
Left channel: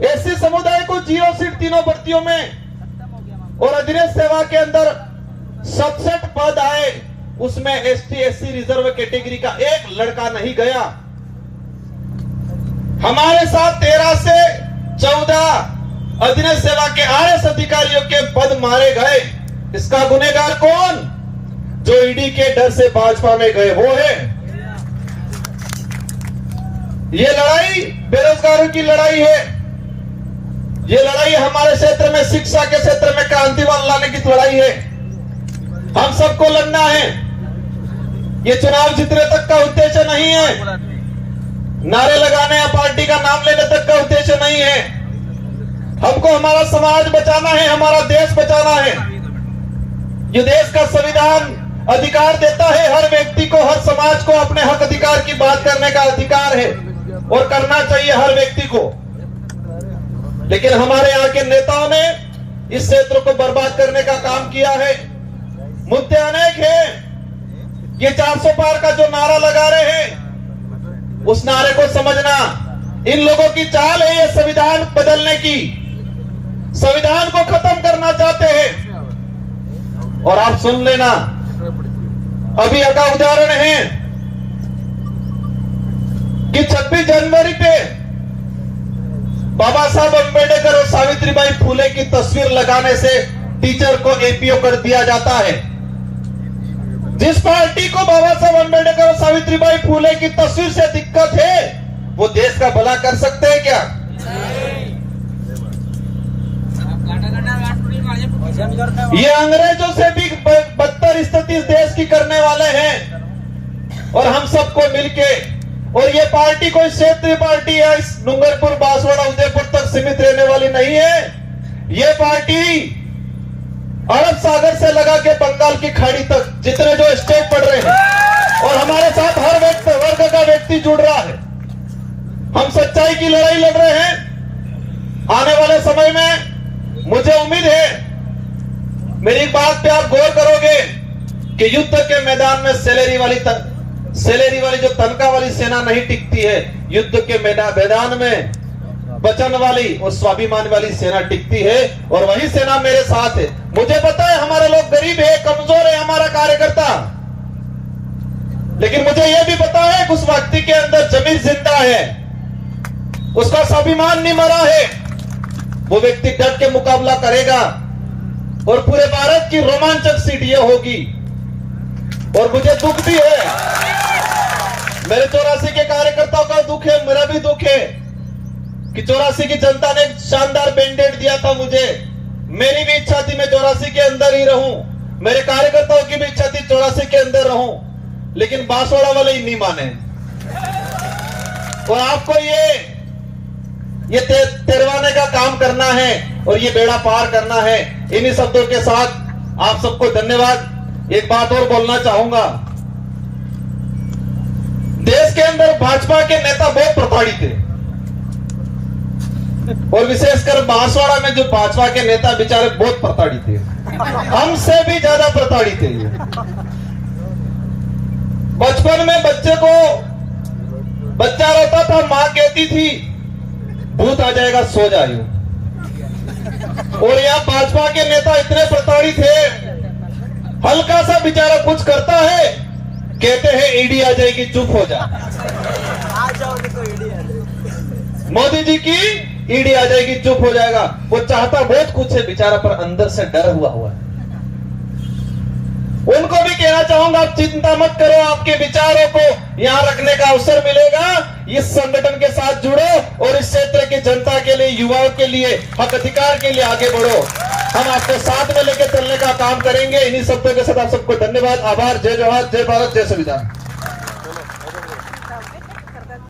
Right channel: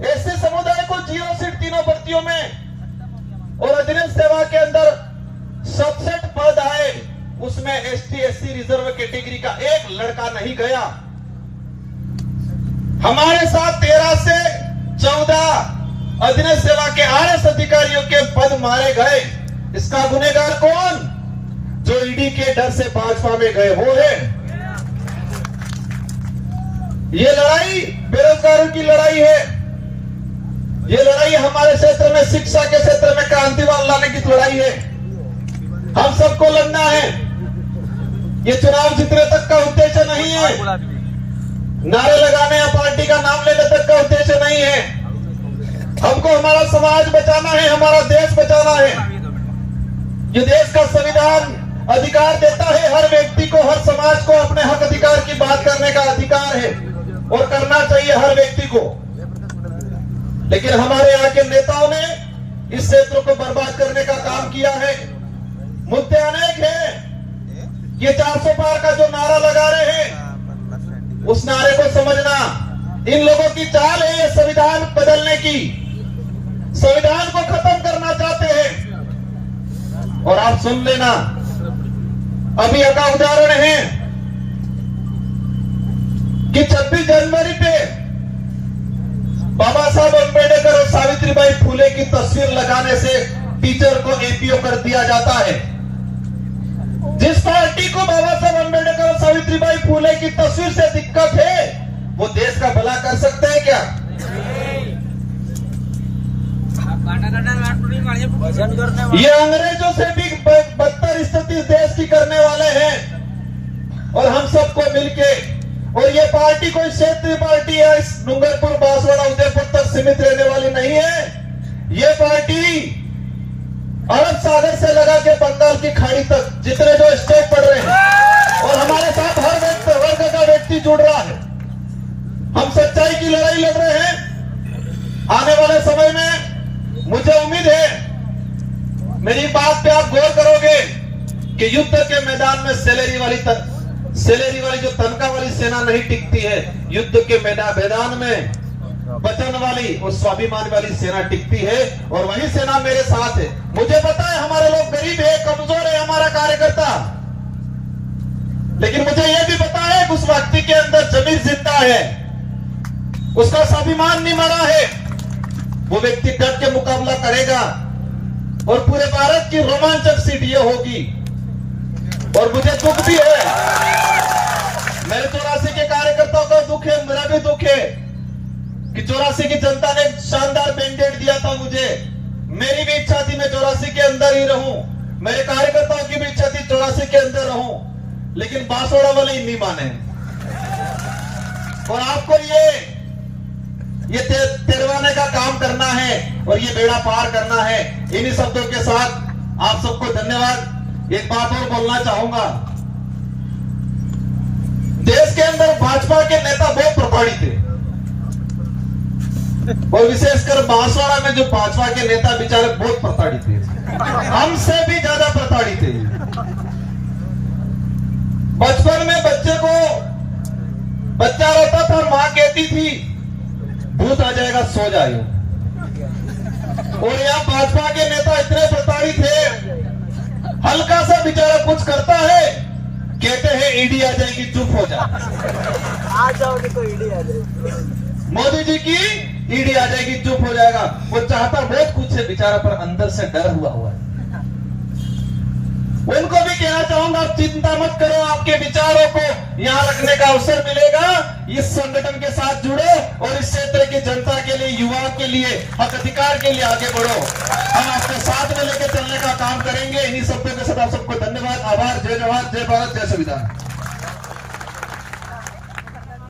एससी समुदाय को 0 सीट तीनों भर्तियों में और दिनेश सेवा के अंदर 67 पद आए, उसमें एसटी एससी रिजर्व कैटेगरी का एक लड़का नहीं गया। हमारे साथ 13 से 14 दिनेश सेवा के आरएस अधिकारियों के पद मारे गए। इसका गुनहगार कौन? जो ईडी के डर से भाजपा में गए वो है। ये लड़ाई बेरोजगारों की लड़ाई है। ये लड़ाई हमारे क्षेत्र में शिक्षा के क्षेत्र में क्रांति लाने की लड़ाई है। हम सबको लड़ना है। ये चुनाव जीतने तक का उद्देश्य नहीं है, नारे लगाने या पार्टी का नाम लेने तक का उद्देश्य नहीं है। हमको हमारा समाज बचाना है, हमारा देश बचाना है। ये देश का संविधान अधिकार देता है हर व्यक्ति को, हर समाज को अपने हक अधिकार की बात करने का अधिकार है और करना चाहिए हर व्यक्ति को। लेकिन हमारे यहाँ के नेताओं ने इस क्षेत्र को बर्बाद करने का काम किया है। मुद्दे अनेक हैं। ये 400 पार का जो नारा लगा रहे हैं, उस नारे को समझना। इन लोगों की चाल है ये संविधान बदलने की, संविधान को खत्म करना चाहते हैं। और आप सुन लेना, अभी एक उदाहरण है कि 26 जनवरी पे बाबा साहब अम्बेडकर और सावित्रीबाई फुले की तस्वीर लगाने से टीचर को एपीओ कर दिया जाता है। जिस पार्टी को बाबा साहब अम्बेडकर और सावित्रीबाई फुले की तस्वीर से दिक्कत है, वो देश का भला कर सकते हैं क्या? ये अंग्रेजों से भी बदतर स्थिति देश की करने वाले हैं। और हम सबको मिलके, और ये पार्टी कोई क्षेत्रीय पार्टी या इस डूंगरपुर, बांसवाड़ा, उदयपुर तक सीमित रहने वाली नहीं है। ये पार्टी अरब सागर से लगा के बंगाल की खाड़ी तक जितने जो स्टेट पड़ रहे हैं, और हमारे साथ हर वर्ग का व्यक्ति जुड़ रहा है। हम सच्चाई की लड़ाई लड़ रहे हैं। आने वाले समय में मुझे उम्मीद है, मेरी बात पे आप गौर करोगे कि युद्ध के मैदान में सैलरी वाली जो तनख्वाह वाली सेना नहीं टिकती है, युद्ध के मैदान में वचन वाली और स्वाभिमान वाली सेना टिकती है। और वही सेना मेरे साथ है। मुझे पता है हमारे लोग गरीब है, कमजोर है हमारा कार्यकर्ता, लेकिन मुझे यह भी पता है कि उस व्यक्ति के अंदर जमीन जिंदा है, उसका स्वाभिमान नहीं मरा है। वो व्यक्ति डट के मुकाबला करेगा और पूरे भारत की रोमांचक सीट ये होगी। और मुझे दुख भी है, मेरे 84 के कार्यकर्ताओं का दुख है, मेरा भी दुख है कि 84 की जनता ने शानदार मैंडेट दिया था मुझे। मेरी भी इच्छा थी मैं 84 के अंदर ही रहूं, मेरे कार्यकर्ताओं की भी इच्छा थी 84 के अंदर रहूं, लेकिन बांसवाड़ा वाले ही नहीं माने। और आपको ये तिरवाने का काम करना है और ये बेड़ा पार करना है। इन्हीं शब्दों के साथ आप सबको धन्यवाद। एक बात और बोलना चाहूंगा, देश के अंदर भाजपा के नेता बहुत प्रताड़ित थे, और विशेषकर बांसवाड़ा में जो भाजपा के नेता बेचारे बहुत प्रताड़ित थे, हमसे भी ज्यादा प्रताड़ित थे। बचपन में बच्चा रोता था, मां कहती थी भूत आ जाएगा सो जाए। और यहाँ भाजपा के नेता इतने प्रताड़ित है, हल्का सा बेचारा कुछ करता है, कहते हैं ईडी आ जाएगी, चुप हो जा, आ जाओगे तो ईडी आ जाएगी, मोदी जी की ईडी आ जाएगी, चुप हो जाएगा। वो चाहता बहुत कुछ है बेचारा, पर अंदर से डर हुआ है। उनको भी कहना चाहूंगा, आप चिंता मत करो, आपके विचारों को यहाँ रखने का अवसर मिलेगा। इस संगठन के साथ जुड़ो और इस क्षेत्र की जनता के लिए, युवाओं के लिए, हक अधिकार के लिए आगे बढ़ो। हम आपके साथ में लेकर चलने का काम करेंगे। इन्हीं शब्दों के साथ आप सबको धन्यवाद, आभार। जय जवाहर, जय भारत, जय संविधान।